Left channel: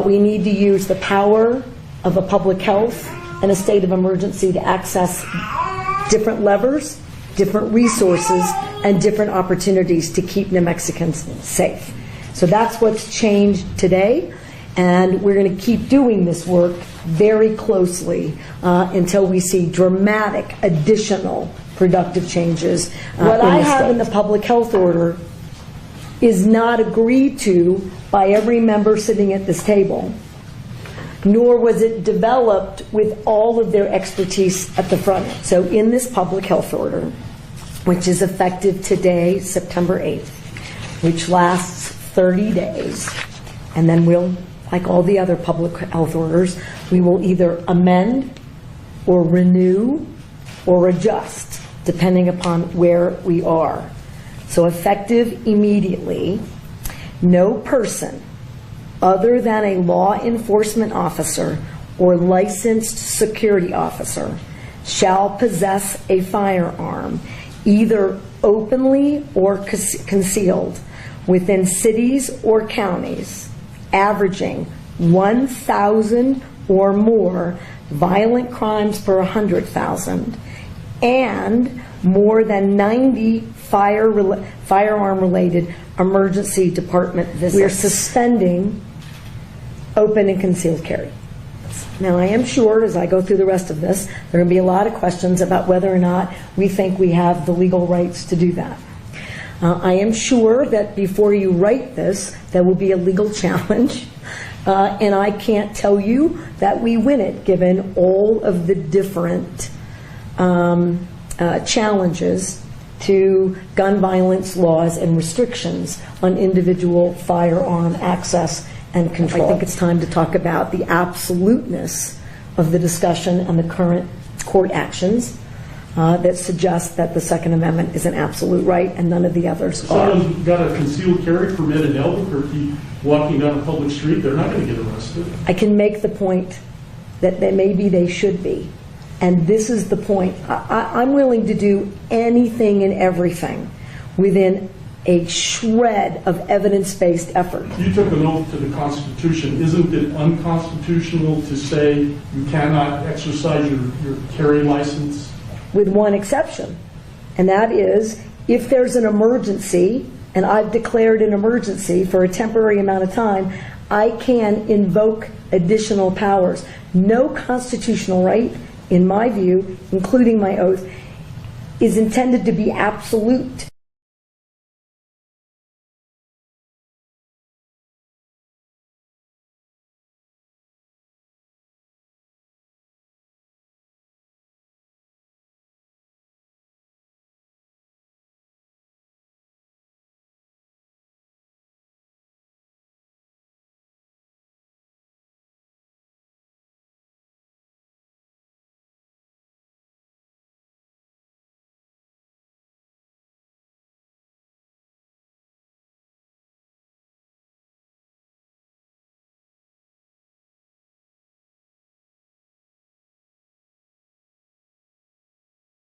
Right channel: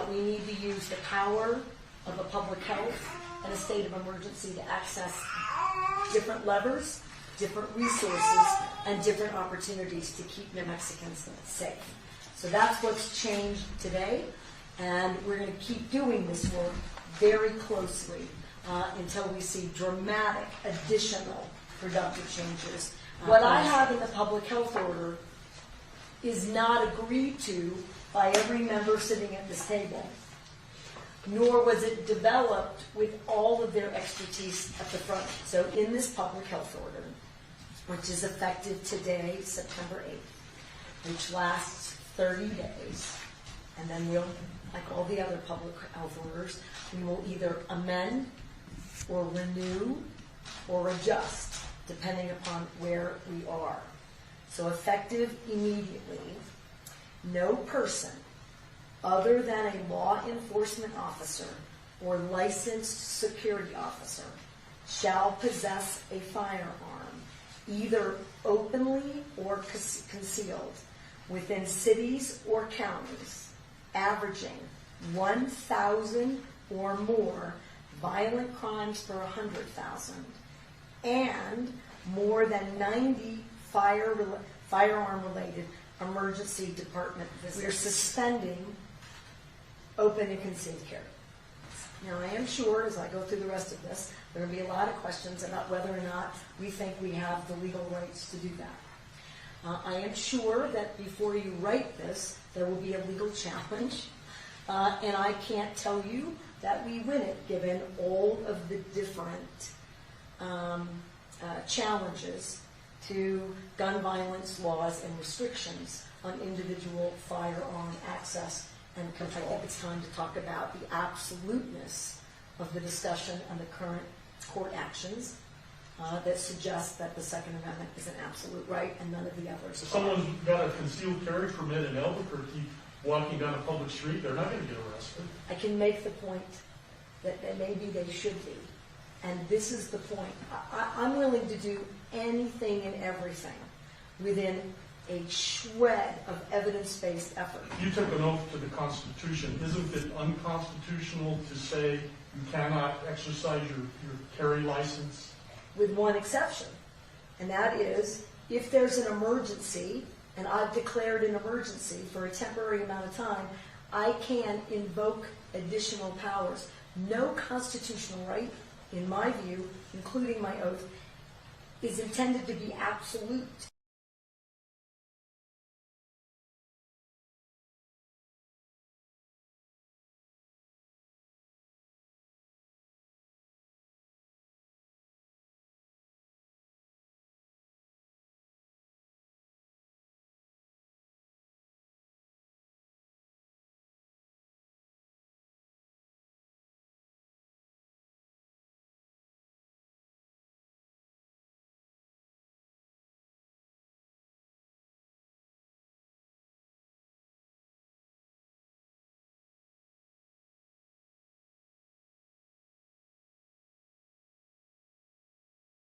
We need to use the power of a public health and a state of emergency to access different levers, different resources, and different opportunities to keep New Mexicans safe. So that's what's changed today, and we're going to keep doing this work very closely until we see dramatic additional productive changes. What I have in the public health order is not agreed to by every member sitting at this table, nor was it developed with all of their expertise at the front end. So in this public health order, which is effective today, September 8th, which lasts 30 days, and then we'll, like all the other public health orders, we will either amend or renew or adjust, depending upon where we are. So effective immediately, no person other than a law enforcement officer or licensed security officer shall possess a firearm, either openly or concealed, within cities or counties averaging 1,000 or more violent crimes per 100,000 and more than 90 firearm-related emergency department visits. We're suspending open and concealed carry. Now, I am sure as I go through the rest of this, there are going to be a lot of questions about whether or not we think we have the legal rights to do that. I am sure that before you write this, there will be a legal challenge, and I can't tell you that we win it, given all of the different challenges to gun violence laws and restrictions on individual firearm access and control. I think it's time to talk about the absoluteness of the discussion and the current court actions that suggest that the Second Amendment is an absolute right and none of the others are. If someone's got a concealed carry permit in Albuquerque walking down a public street, they're not going to get arrested. I can make the point that maybe they should be. And this is the point. I'm willing to do anything and everything within a shred of evidence-based effort. You took an oath to the Constitution. Isn't it unconstitutional to say you cannot exercise your carry license? With one exception, and that is if there's an emergency, and I've declared an emergency for a temporary amount of time, I can invoke additional powers. No constitutional right, in my view, including my oath, is intended to be absolute.